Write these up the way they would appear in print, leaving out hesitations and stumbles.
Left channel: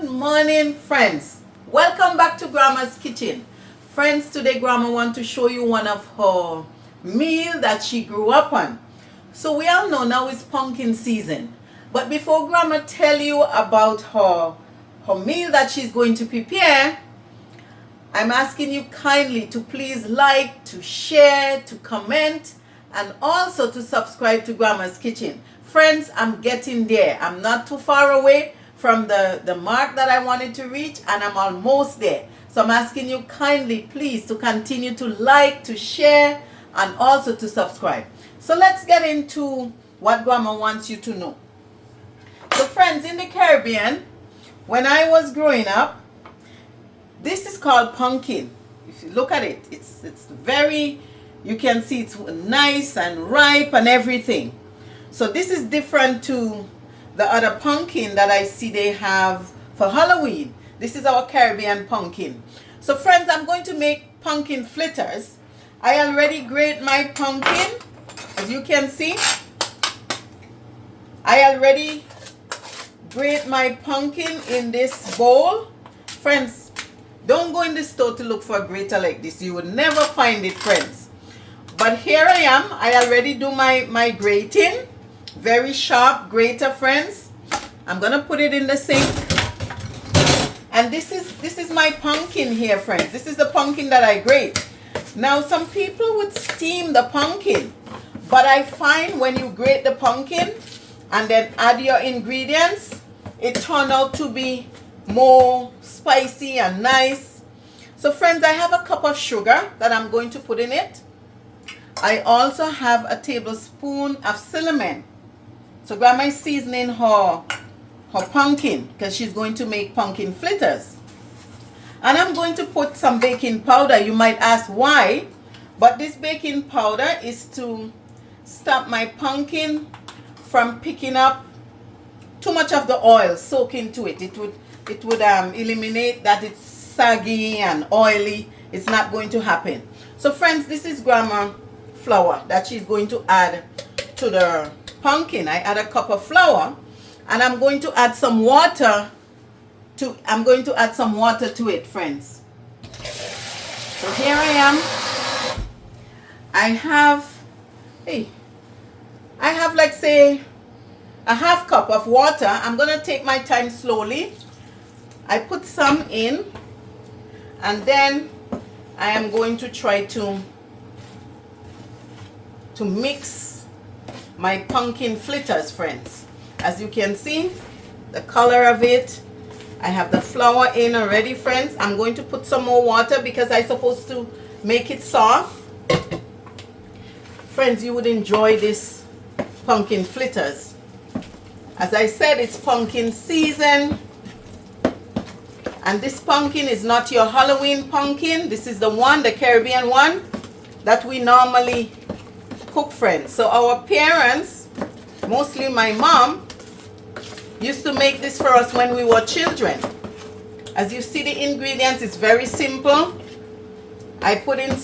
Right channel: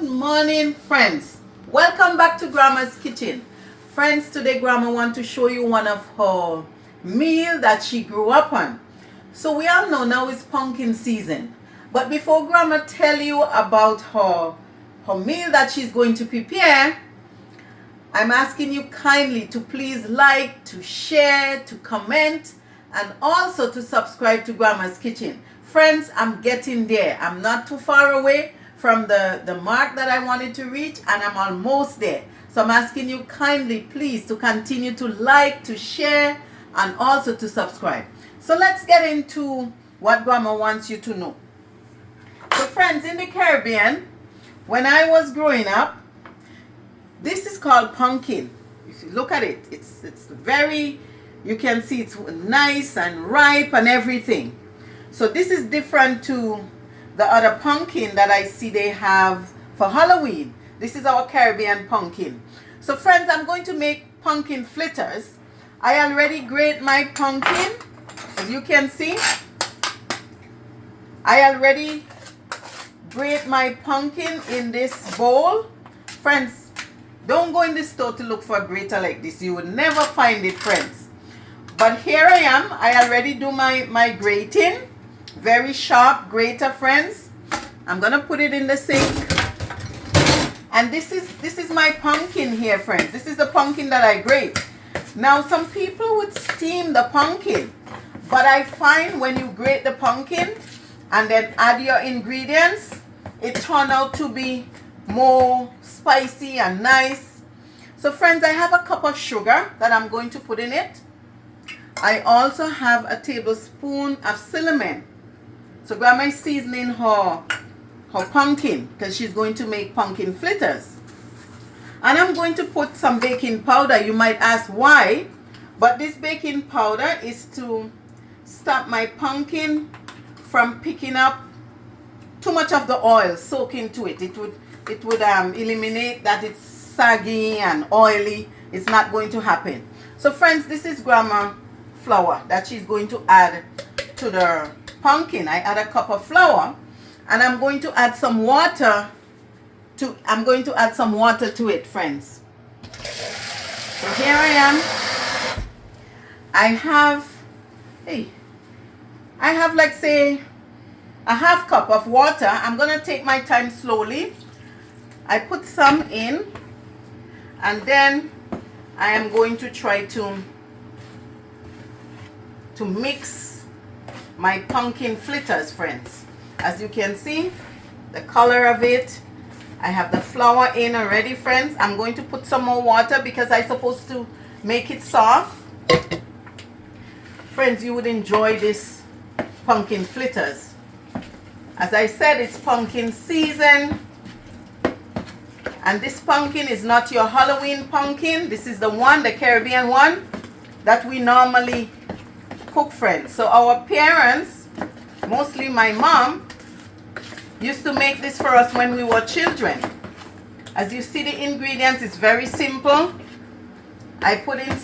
Good morning, friends. Welcome back to Grandma's Kitchen. Friends, today Grandma want to show you one of her meal that she grew up on. So we all know now it's pumpkin season. But before Grandma tell you about her meal that she's going to prepare, I'm asking you kindly to please like, to share, to comment, and also to subscribe to Grandma's Kitchen. Friends, I'm getting there. I'm not too far away from the mark that I wanted to reach, and I'm almost there. So I'm asking you kindly, please, to continue to like, to share, and also to subscribe. So let's get into what Grandma wants you to know. So friends, in the Caribbean, when I was growing up, this is called pumpkin. If you look at it, it's very, you can see it's nice and ripe and everything. So this is different to the other pumpkin that I see they have for Halloween. This is our Caribbean pumpkin. So friends, I'm going to make pumpkin fritters. I already grate my pumpkin, as you can see. I already grate my pumpkin in this bowl. Friends, don't go in the store to look for a grater like this. You will never find it, friends. But here I am. I already do my grating. Very sharp grater, friends. I'm gonna put it in the sink. And this is my pumpkin here, friends. This is the pumpkin that I grate. Now some people would steam the pumpkin, but I find when you grate the pumpkin and then add your ingredients, it turned out to be more spicy and nice. So friends, I have a cup of sugar that I'm going to put in it. I also have a tablespoon of cinnamon. So Grandma is seasoning her pumpkin because she's going to make pumpkin fritters. And I'm going to put some baking powder. You might ask why, but this baking powder is to stop my pumpkin from picking up too much of the oil soak into it. It would eliminate that it's saggy and oily. It's not going to happen. So friends, this is Grandma flour that she's going to add to the pumpkin. I add a cup of flour, and I'm going to add some water to it, friends. So here I am. I have like say a half cup of water. I'm gonna take my time slowly. I put some in, and then I am going to try to mix my pumpkin fritters, friends. As you can see, the color of it, I have the flour in already, friends. I'm going to put some more water because I'm supposed to make it soft. Friends, you would enjoy this pumpkin fritters. As I said, it's pumpkin season. And this pumpkin is not your Halloween pumpkin. This is the one, the Caribbean one, that we normally cook, friends. So our parents, mostly my mom, used to make this for us when we were children. As you see, the ingredients is very simple. I put in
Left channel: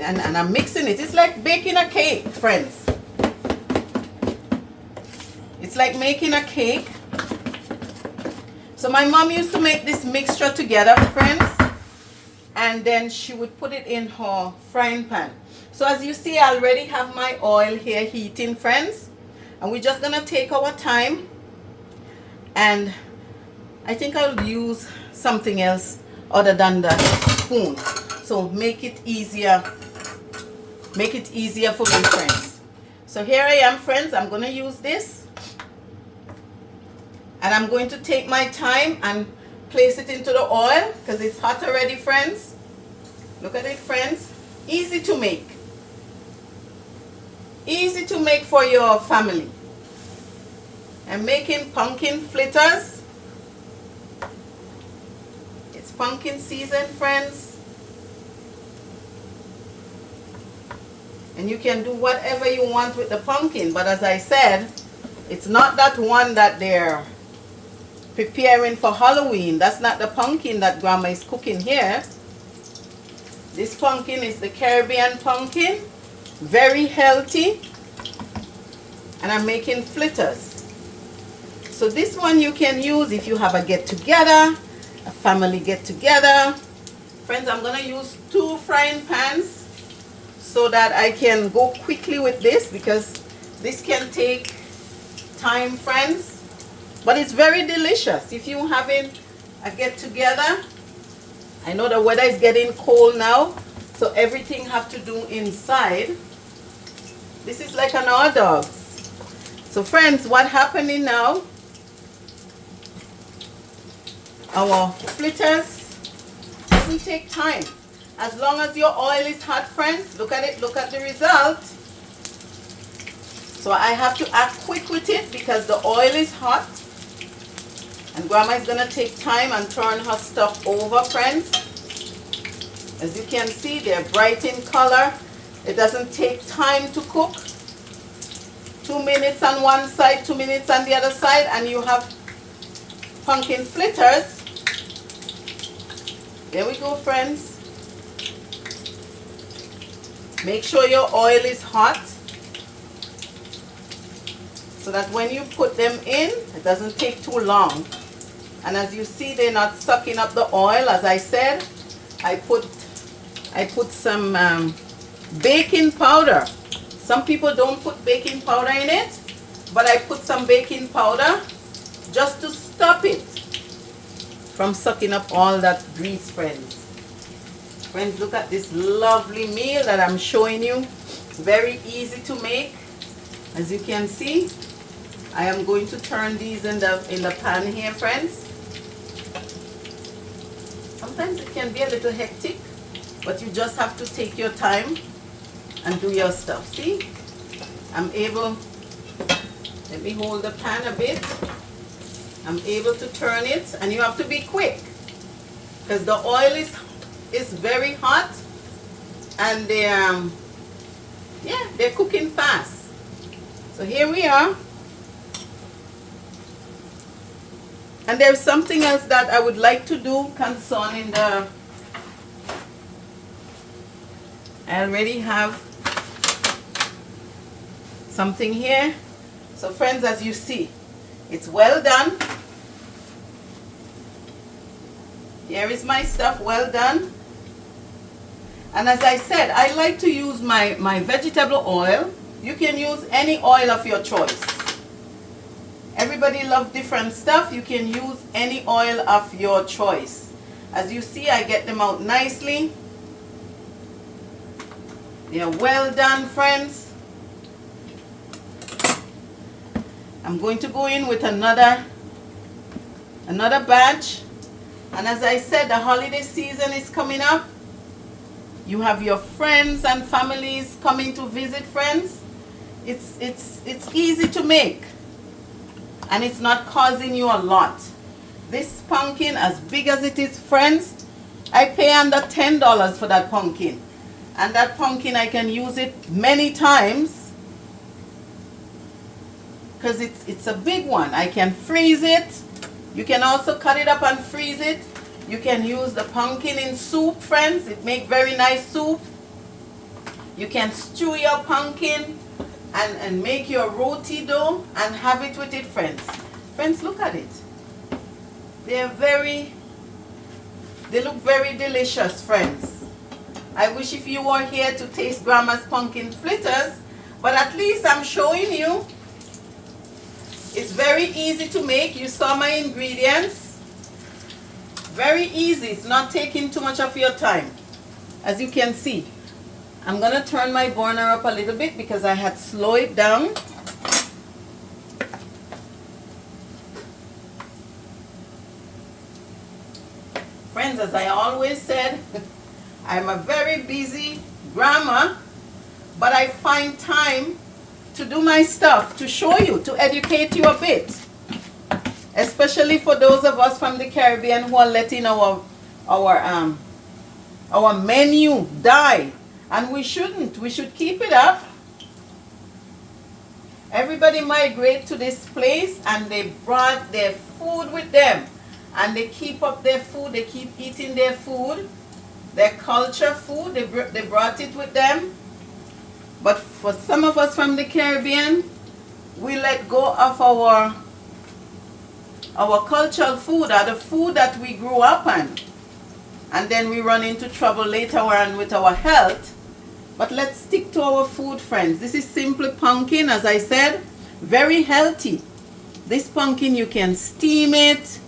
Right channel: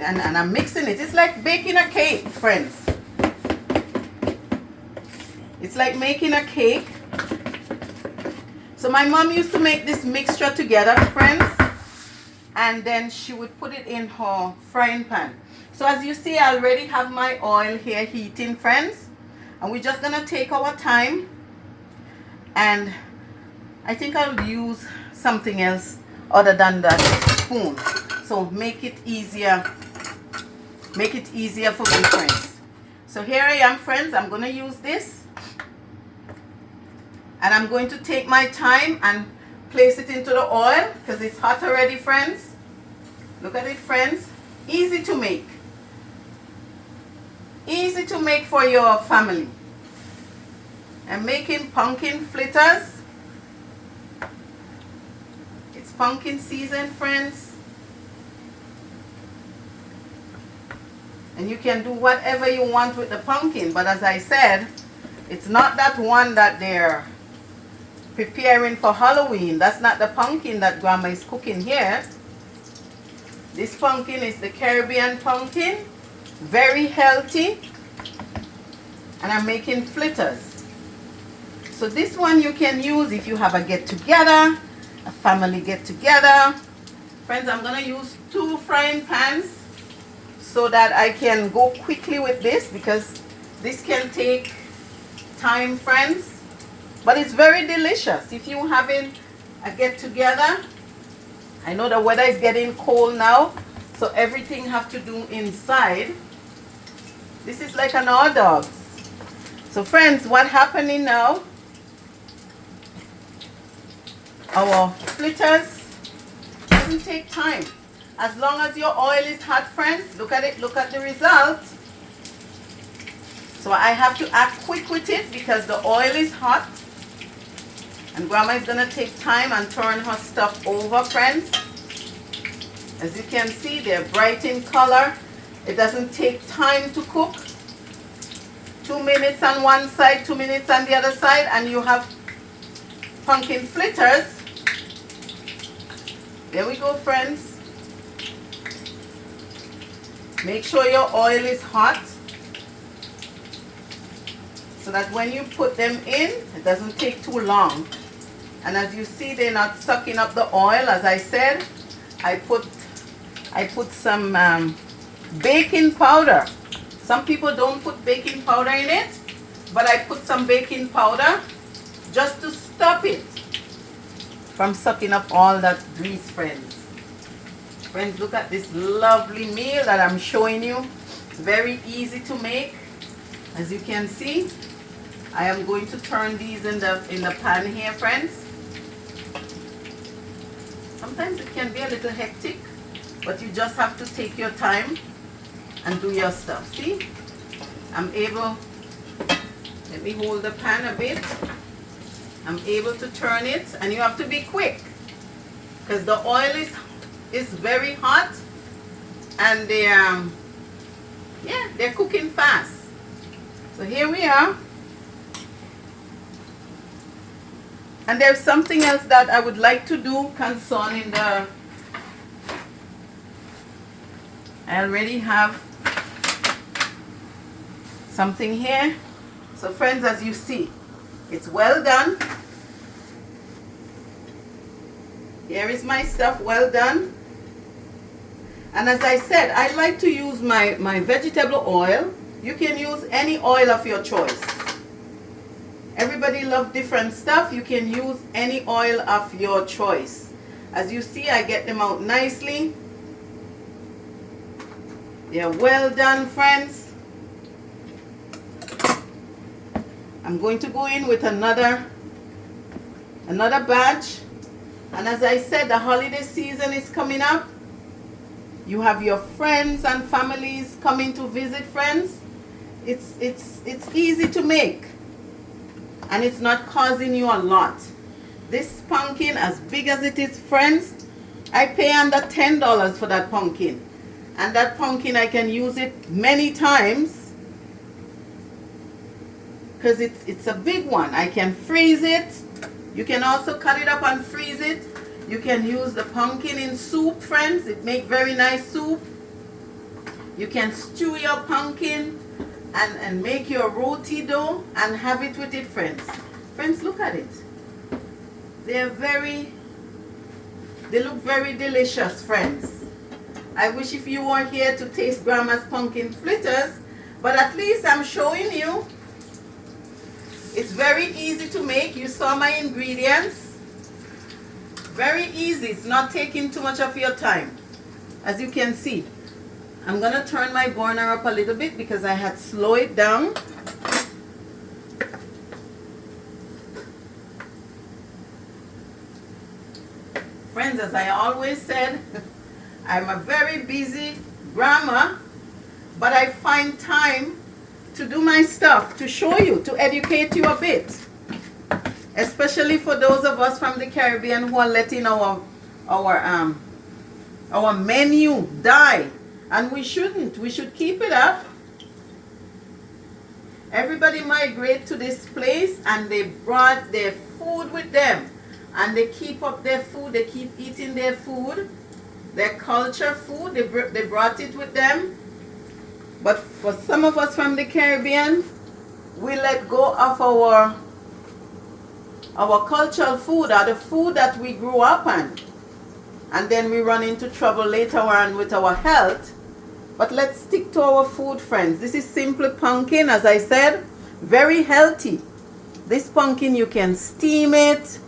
and I'm mixing it. It's like baking a cake, friends. It's like making a cake. So my mom used to make this mixture together, friends, and then she would put it in her frying pan. So as you see, I already have my oil here heating, friends, and we're just gonna take our time. And I think I'll use something else other than the spoon, so make it easier for me, friends. So here I am, friends. I'm gonna use this, and I'm going to take my time and place it into the oil because it's hot already, friends. Look at it, friends. Easy to make. Easy to make for your family. I'm making pumpkin fritters. It's pumpkin season, friends. And you can do whatever you want with the pumpkin. But as I said, it's not that one that they're preparing for Halloween. That's not the pumpkin that Grandma is cooking here. This pumpkin is the Caribbean pumpkin. Very healthy. And I'm making fritters. So this one you can use if you have a get-together, a family get-together. Friends, I'm going to use 2 frying pans so that I can go quickly with this, because this can take time, friends. But it's very delicious. If you're having a get-together, I know the weather is getting cold now, so everything have to do inside. This is like an hors d'oeuvres. So friends, what's happening now? Our fritters doesn't take time. As long as your oil is hot, friends, look at it, look at the result. So I have to act quick with it because the oil is hot. And Grandma is going to take time and turn her stuff over, friends. As you can see, they're bright in color. It doesn't take time to cook. 2 minutes on one side, 2 minutes on the other side, and you have pumpkin fritters. There we go, friends. Make sure your oil is hot so that when you put them in, it doesn't take too long. And as you see, they're not sucking up the oil. As I said, I put some baking powder. Some people don't put baking powder in it, but I put some baking powder just to stop it from sucking up all that grease, friends. Friends, look at this lovely meal that I'm showing you. Very easy to make. As you can see, I am going to turn these in the pan here, friends. Sometimes it can be a little hectic, but you just have to take your time and do your stuff. See, I'm able, let me hold the pan a bit. I'm able to turn it, and you have to be quick because the oil is very hot, and they're cooking fast. So here we are. And there's something else that I would like to do concerning I already have something here. So friends, as you see, it's well done. Here is my stuff, well done. And as I said, I like to use my vegetable oil. You can use any oil of your choice. Everybody loves different stuff. You can use any oil of your choice. As you see, I get them out nicely. They are well done, friends. I'm going to go in with another batch. And as I said, the holiday season is coming up. You have your friends and families coming to visit, friends. It's easy to make, and it's not causing you a lot. This pumpkin, as big as it is, friends, I pay under $10 for that pumpkin. And that pumpkin, I can use it many times because it's a big one. I can freeze it. You can also cut it up and freeze it. You can use the pumpkin in soup, friends. It makes very nice soup. You can stew your pumpkin and make your roti dough and have it with it, friends. Friends, look at it. They look very delicious, friends. I wish if you were here to taste Grandma's pumpkin fritters, but at least I'm showing you. It's very easy to make. You saw my ingredients. Very easy. It's not taking too much of your time. As you can see, I'm going to turn my burner up a little bit because I had slowed it down. Friends, as I always said, I'm a very busy grandma, but I find time to do my stuff, to show you, to educate you a bit. Especially for those of us from the Caribbean who are letting our menu die. And we shouldn't. We should keep it up. Everybody migrate to this place and they brought their food with them. And they keep up their food. They keep eating their food. Their culture food. They brought it with them. But for some of us from the Caribbean, we let go of our our cultural food are the food that we grew up on. And then we run into trouble later on with our health. But let's stick to our food, friends. This is simply pumpkin, as I said, very healthy. This pumpkin, you can steam it,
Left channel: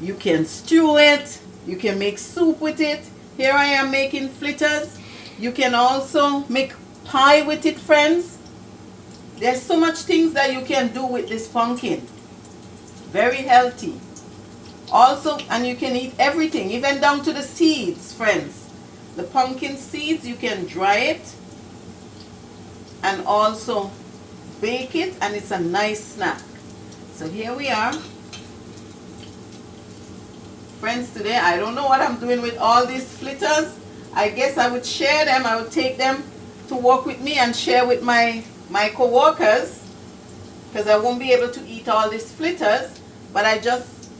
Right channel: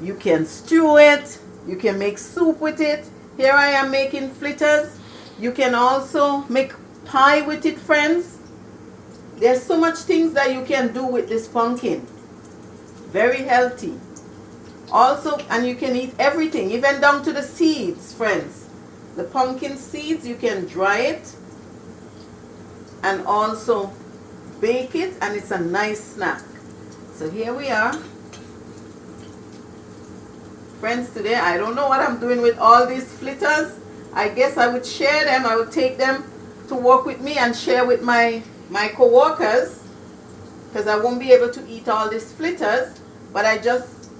you can stew it, you can make soup with it. Here I am making fritters. You can also make pie with it, friends. There's so much things that you can do with this pumpkin. Very healthy. Also, and you can eat everything, even down to the seeds, friends. The pumpkin seeds, you can dry it and also bake it, and it's a nice snack. So here we are. Friends, today I don't know what I'm doing with all these fritters. I guess I would share them. I would take them to work with me and share with my co-workers, because I won't be able to eat all these fritters. But I just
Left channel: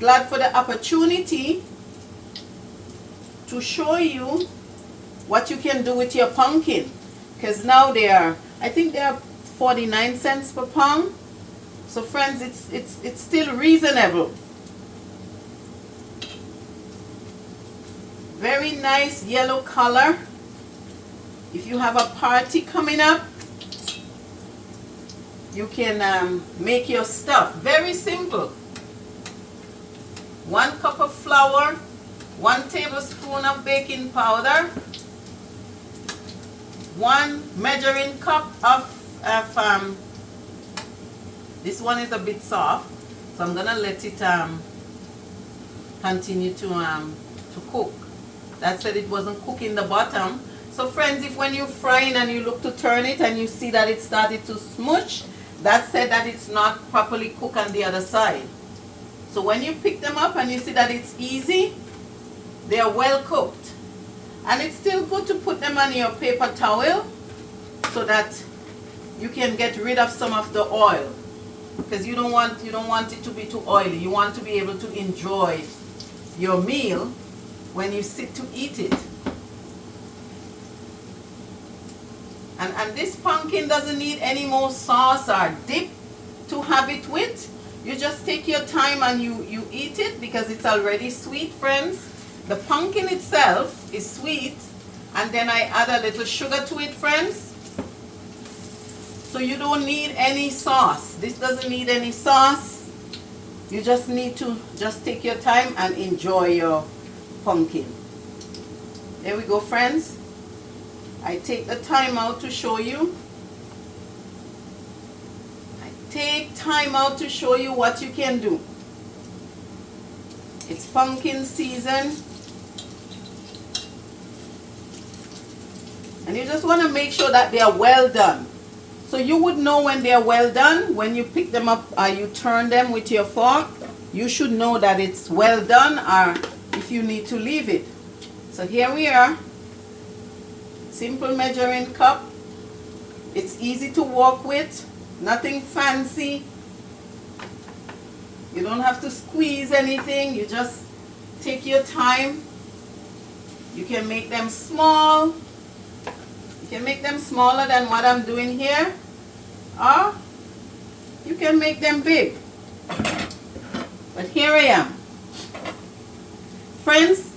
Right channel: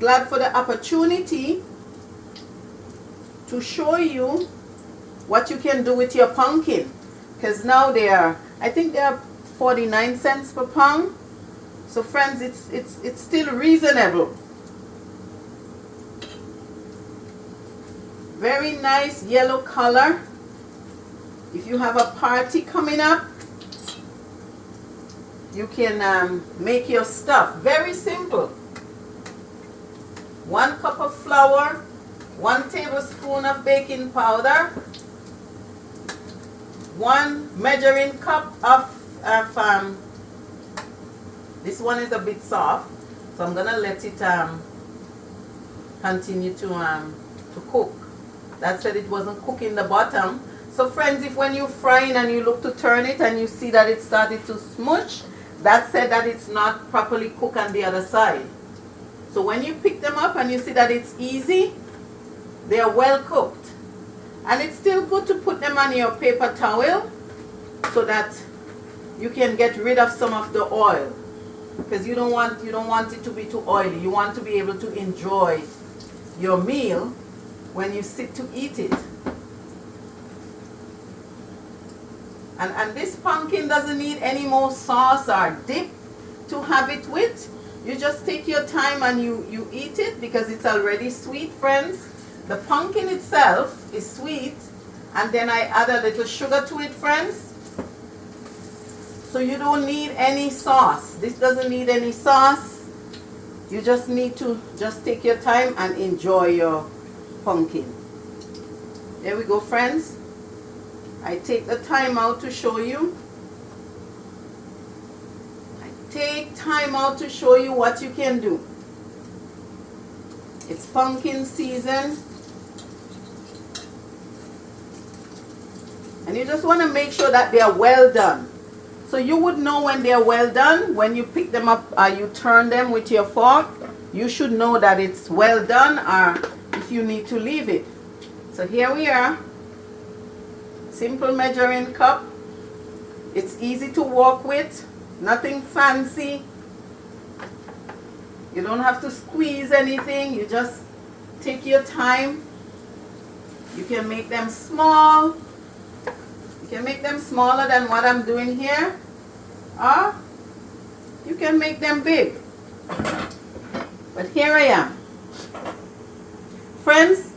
glad for the opportunity to show you what you can do with your pumpkin, because now I think they are 49 cents per pound. So friends, it's still reasonable. Very nice yellow color. If you have a party coming up, you can make your stuff. Very simple. 1 cup of flour, 1 tablespoon of baking powder, 1 measuring cup of this one is a bit soft, so I'm gonna let it continue to cook. That said, it wasn't cooking the bottom. So friends, if when you're frying and you look to turn it and you see that it started to smooch, that said that it's not properly cooked on the other side. So when you pick them up and you see that it's easy, they are well cooked. And it's still good to put them on your paper towel so that you can get rid of some of the oil, because you don't want it to be too oily. You want to be able to enjoy your meal when you sit to eat it. And this pumpkin doesn't need any more sauce or dip to have it with. You just take your time and you eat it, because it's already sweet, friends. The pumpkin itself is sweet, and then I add a little sugar to it, friends. So you don't need any sauce. This doesn't need any sauce. You just need to just take your time and enjoy your pumpkin. There we go, friends. I take the time out to show you. Take time out to show you what you can do. It's pumpkin season, and you just want to make sure that they are well done. So you would know when they are well done when you pick them up or you turn them with your fork. You should know that it's well done, or if you need to leave it. So here we are. Simple measuring cup. It's easy to work with. Nothing fancy. You don't have to squeeze anything. You just take your time. You can make them small. You can make them smaller than what I'm doing here. Or you can make them big. But here I am. Friends,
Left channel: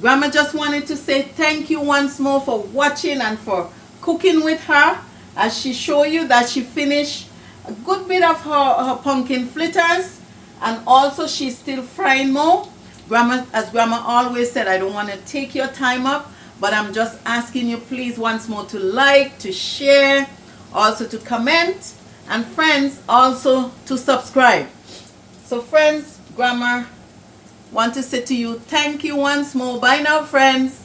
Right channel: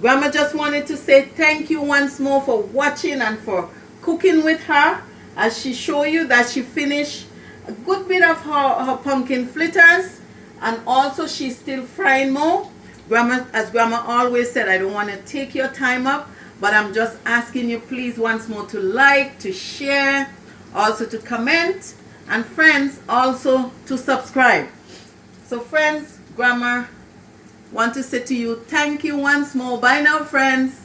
Grandma just wanted to say thank you once more for watching and for cooking with her, as she showed you that she finished a good bit of her pumpkin fritters, and also she's still frying more. Grandma, as Grandma always said, I don't want to take your time up, but I'm just asking you please once more to like, to share, also to comment, and friends, also to subscribe. So friends, Grandma want to say to you thank you once more. Bye now, friends.